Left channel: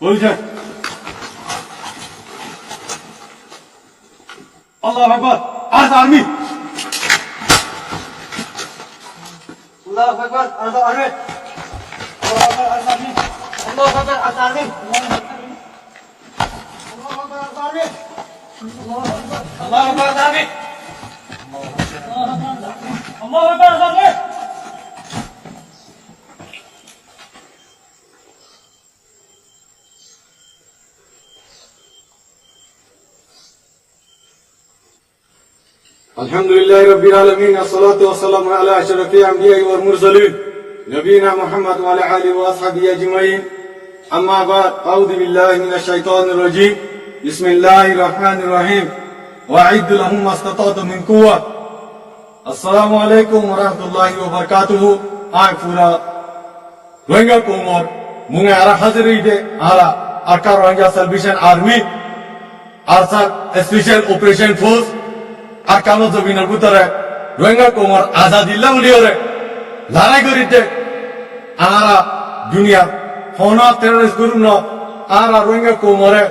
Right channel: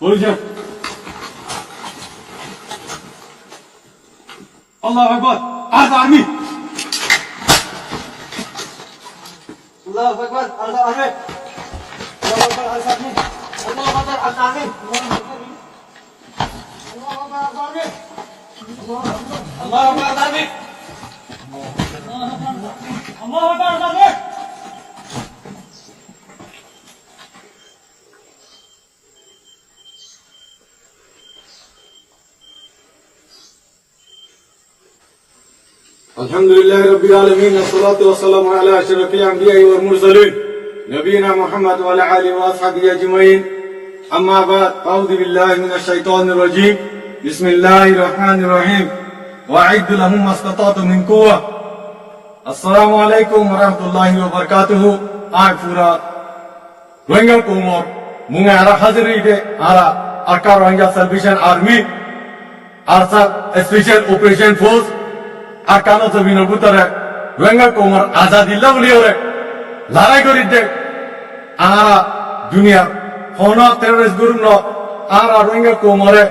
বলছেন আল্লাহু আকবার আজ আর্মি আল্লাহু আকবার আজ আর্মি আল্লাহু আকবার আজ আর্মি আল্লাহু আকবার আজ আর্মি আল্লাহু আকবার আজ আর্মি আল্লাহু আকবার আজ আর্মি আল্লাহু আকবার আজ আর্মি अल्हम्दुलिल्लाहि रब्बिल आलमीन अस्सलातु वस्सलामु अला अशरफिल अंबिया'i वल मुरसलीन नबीना मुहम्मद व अला आलिहि व अस्हाबिहि अजमईन अम्मा बाद अऊज़ु बिल्लाहि मिनश शैतानिर रजीम बिस्मिल्लाहिर रहमानिर रहीम वअइद्दु लहुम मस्ततातु मिन कुव्वा अस्सलामु अलैकुम व रहमतुल्लाहि व बारकातुहु आय पूरा रोहिंग्या कोमर मुंगे आरा हाजिर आरा आका रोहिंग्या सल्वेशन आर्मी आरसा स्पेशल ऑपरेशन फोर्स আর কানো জমিনের ভিতরে রোহিঙ্গা কোমর আজাদিল্লা বলি ওরে লড়াই করি দে আরা দুনিয়া হন টেররিস্ট গ্রুপ ন আরা রোহিঙ্গা কোমরে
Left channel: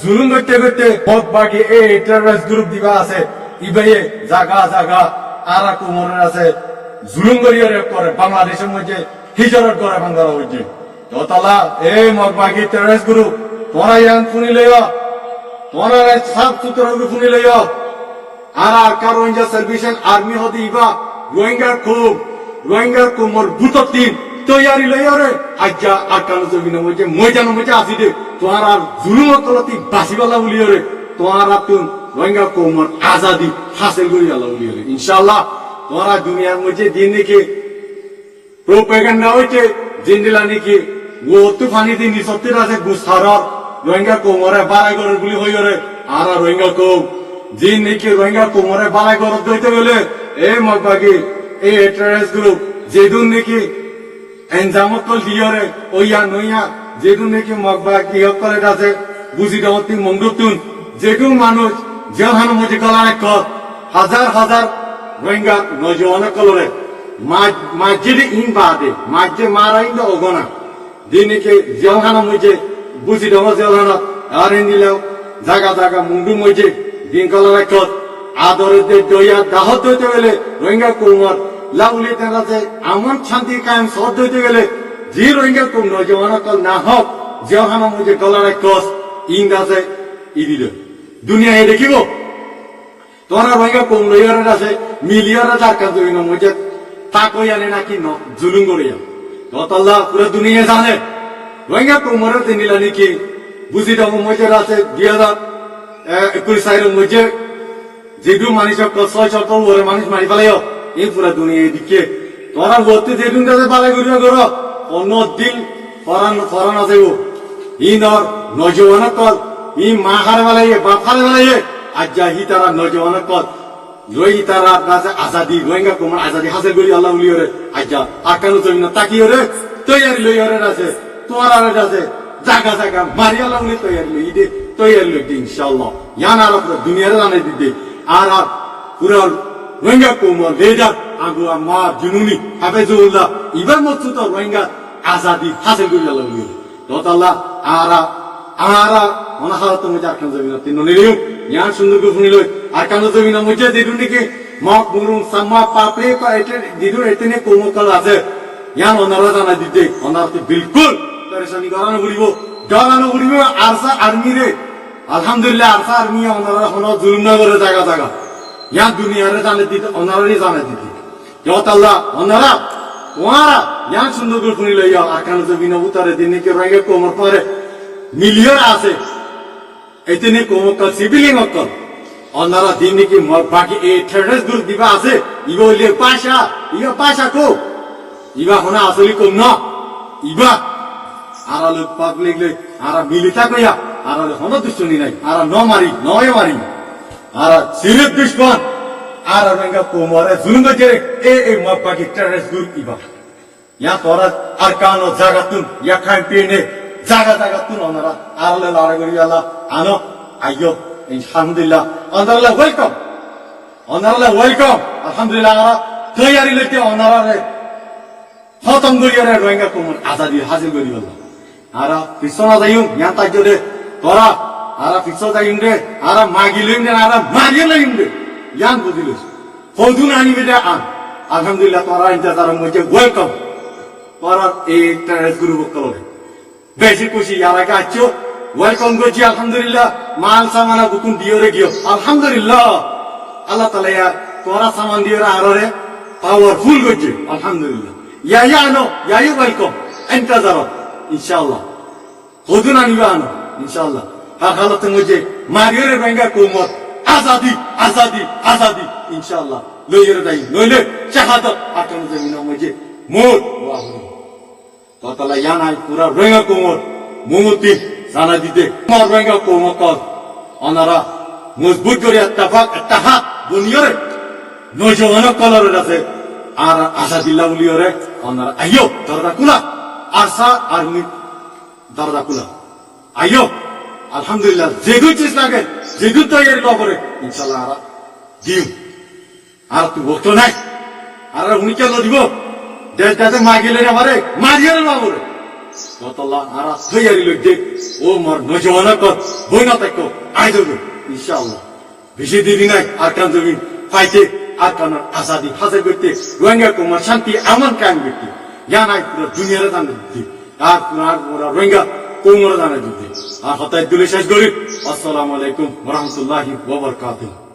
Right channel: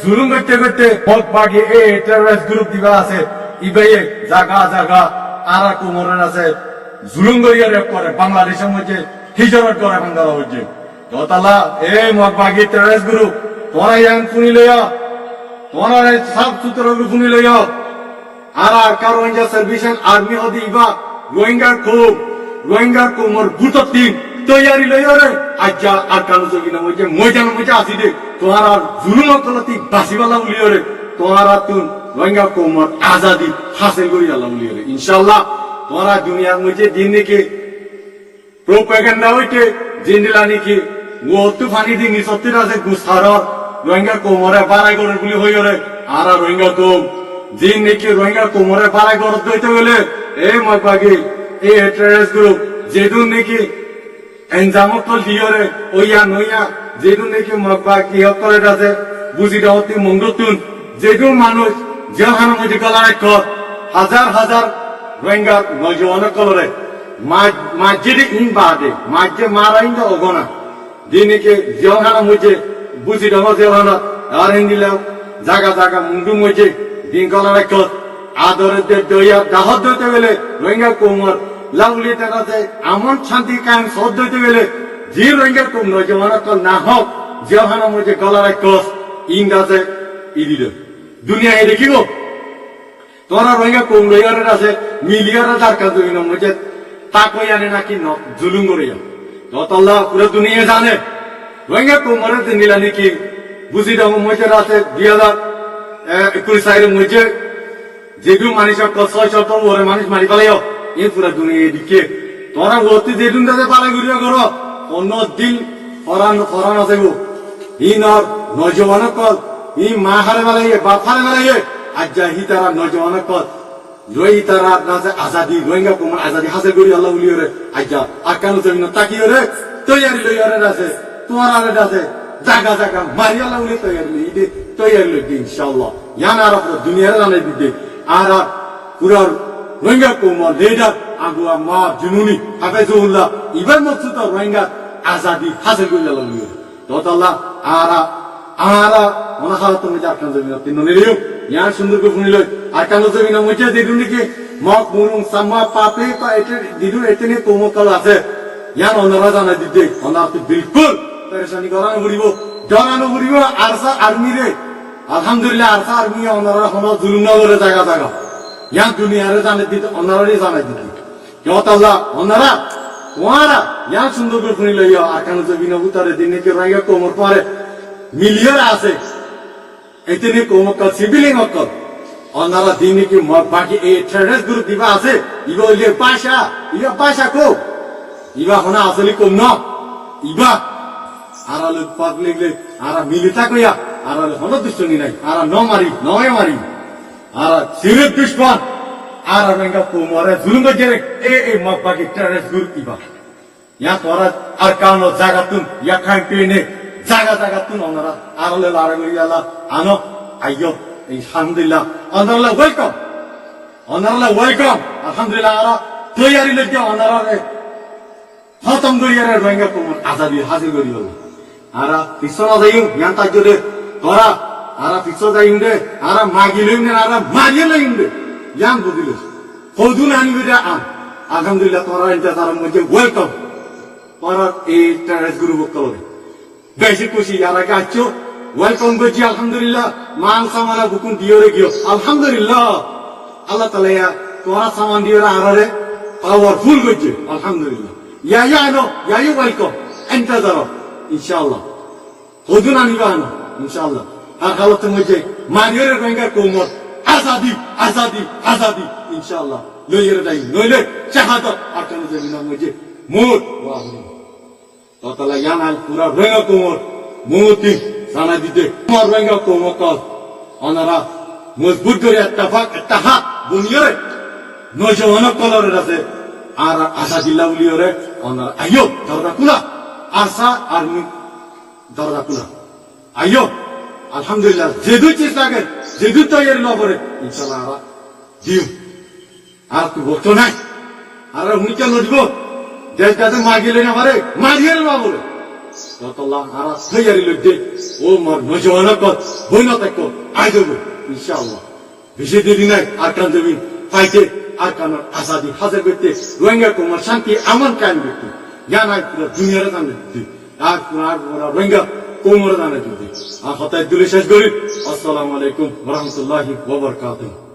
জুলুম করতে করতে বহুত বাকি এই টেররিস্ট গ্রুপ দিবা আছে ইবাইয়ে জায়গা জায়গা আরা কোমরের আছে জুলুম করিয়া করে বাংলাদেশের মধ্যে হিজরত করে বাংলার মধ্যে যতলা এই মগ বাকি টেররিস্ট গ্রুপ তোরা ইয়ান শুনি লইয়া তোরা সাফ সুতরা শুনি লইয়া আরা কারোইঞ্জা সালভেশন আর্মি হদি ইবা রোহিঙ্গা কোমর বুততিন তৈয়ারি লইরে আজ্জা আকানো জমিন মজে ময়দান মজে আসি দে তোহার আর জুলুম কলতি বাসিবালা বলিরে তোহার তুন রোহিঙ্গা কোমর আজাদি হাসিল করি আল্লাহ বলিরে ইনশাআল্লাহ তোহারা দুনিয়ার মধ্যে দিন নাকি প্রোপাগান্ডা হইছে জিন্দিলা নাকি ও তুফানি দিন সত্যি আছে গুসারর রোহিঙ্গা কোমরে বাড়াই করে বলি হইরে আরা রোহিঙ্গা কোম জিন নাকি রোহিঙ্গা কোমরে বালাই গরত দইতে গেলে এই মগবাগি এই টেররিস্ট গ্রুপ যেদুন নাকি এনজামকল দিয়রে ওইয়া নইয়া যেদুন নাকি মগবাগ ইহক করে আছে বুঝি দাওতি মঙ্গতুন যেদুন মানুষ যেহানো মজি গলার এক হাজার হাজার রোহিঙ্গা নজওয়ান কলরে মাঝে ইন বাদে মাঝে মারাইন দা অগনা দিন নাকি যেহানো মজি বুঝি দাও যেহানো আর হিন্দিলাও জায়গা জায়গা মুন্ডু মজি দিন কলার এক আদরের দইয়া দাহত দইতে গেলে রোহিঙ্গা কোমর লাউলি আছে এমন শান্তি কায়েম সদ দইতে গেলে যে রোহিঙ্গা কোম নজওয়ান কল না হোক যেহানো মধ্যে গলার এক ইন্দ আছে ই দিল দুনিয়া এ দেখিব তোরা রোহিঙ্গা কোম লইয়ারে আছে মিলিয়ারে যার কাজ দিন মধ্যে তাকই আনে নাকি জুলুম করিয়া দতাল্লাহ পুরো দুনিয়া জানে রোহিঙ্গা কোমরে দিনিলা নাকি বুঝি দাও মধ্যে আছে 2021 সালের মধ্যে যেদু মানুষ ছয় সপ্তাহ ওরে মানুষ মারি পেলাইও এই পুরা দুনিয়া এদিকে তোরা ওতে যেদুন দাসে পালাই করিয়া করো অন্য দিন ফরান আছে ইনর নজওয়ান কল ই মা হারে বেলাইয়ে বাপ হারে বেলাইয়ে আজ্জা হি তারা নজওয়ান কল লই তারা আছে আজাদি রোহিঙ্গা কোমর আজাদি হাসিল করি আল্লাহ উলিয়রে আজ্জা আকানো জমিন তাকিয়রে তৈয়ারি লইয়রে আছে তোমার আরে আছে জায়গা জায়গা মারি আল্লাহ উলি তৈয়ারি লই দে তৈয়ারি লই দে ইনশাআল্লাহ ইয়ান আর পুরো দুনিয়ারে জানাই দিতে আর পুরো রোহিঙ্গা কোমর লিডার আগুয়া মা জুনুনি হাফেজুল্লাহ ইবার মকসুদ রোহিঙ্গা আজাদি হাসিল করি আল্লাহ উলি দতাল্লাহ আরা অনাহার তুমি যার কান জমিন তিন নিলিও ইয়ান সুন্দর করে শুনি লই আর কান জমিন মধ্যে দিদুন দিকে মক মুরুং সাম্মা পাপে পা এতে দিদুন এতনে কোমকল আছে ইয়ান অনারা জানাই দিতে অনার তো বিলকুল পরেশানি করানো ঘুরিব ডরানো ঘুরিব আরসা আর্মি রে আলহামদুলিল্লাহ আরসা আর্মি ওনারা হন জুলুম না করে জায়গা জায়গা ইয়ান দুনিয়ারে জানে দিতে ওনারাই জানাই দিতে যতাল্লাহ ওনারা ইয়ান সুন্দর করে শুনি লইয়া আর কান জমিন উতারে দিনে কে রোহিঙ্গা কোমর পরে মিলিয়ন আছে এতনে কোমকল সিভিলিং অকল ওনারা দিন নাকি বাকি এই টেররিস্ট গ্রুপ দিবা আছে ইবা হইলে পাশা কো ইবা হনা আসলি কম ন ইবা আর লোক পাক লিখলে আর মিলিতা কইয়া আর হন দুষ্টনি নাই আর নয় মারি আর সিরিয়াস দুশ্মন আর রোহিঙ্গা কোমরে জুলুম করে এই বাকি টেররিস্ট গ্রুপ ইবা ইয়া তোরা আর কানো জায়গাতুন ইয়া খাই পেনে জায়গা তুন ওনারা আর লড়াই করি আল্লাহ আনো আইয়ো আলহামদুলিল্লাহ ওনারা ওয়েলকাম আলহামদুলিল্লাহ আর তৈয়ারি লইতে ওনারা খতম করিয়া রোহিঙ্গা কোমর আজাদি হাসিল করি আল্লাহ আরা পিছনা যাইম ইয়ান তাই দে তোরা আরা পিছ যাইম দে আরা মাগিলিম দে আরা মারিয়ে লইম দে ইয়ান বুঝিল হদুন আনিবে দে আন আলহামদুলিল্লাহ তোরা ইন্তজার মধ্যে ওয়েলকাম তোরা এই টেরেস গুরু বকলরে বেশি খুশি আর আগে আছো ওয়েলকাম করছি আলহামদুলিল্লাহ মাল সামানা গুকুন দিওরে গিয়ে আলহামদুলিল্লাহ আল্লাহ তাআলা তোরা সামান দিওরে আররে পাওয়ারফুল করছে আলহামদুলিল্লাহ ইয়া নো ইয়া ওয়েলকাম ইন্তজার ইনশাআল্লাহ হদুন আনিবা আনো ইনশাআল্লাহ আর হালতে মধ্যে মারিয়রে বেঙ্গা কোমর আজাদি আজাদি আজাদি ইনশাআল্লাহ লইরে যাই নইলে শাহাদাত আকাম জমিনের মধ্যে মোর ওয়াহুনি তাআলা ইয়ানাই পুরা বেঙ্গা কোমর মুমতি জানা দিতে আমার বেঙ্গা কোমর কল অনারা মজবুত করে ইত্তেফাক বুনিয়রে নজওয়ান কলরে আছে আর আসাদিল্লাহ উলিয়রে অনারা আইয়ো দরজা কুলা আশা আর্মি দরজা কুলা আইয়ো আলহামদুলিল্লাহ যেদু চেষ্টা লাগে যেদু তৈরি লবরে ইনশাআল্লাহ আরা দিম আর তুই বলতো নাই আর উনি কেন দিব দেশ যাতে মাগিলে না পারে মারিয়ে বাবুরে ততল্লাহ আর তৈরি লোক দে ও মার নজওয়ান কর বই না থাকো আই দেবো ইনশাআল্লাহ বেশি দেরি নাই আর কান জমিন পাইতে আর কান আজাদি হাজার করতে রোহিঙ্গা কুমার শান্তি এমন কায়েম করতে জানাই পুরো দুনিয়ারে জানে দিতে আর রোহিঙ্গা কোমরে জানে দিতে আর হতায় দুলে শেষ করি আসসালামু আলাইকুম ওয়া রাহমাতুল্লাহি ওয়া বারাকাতুহু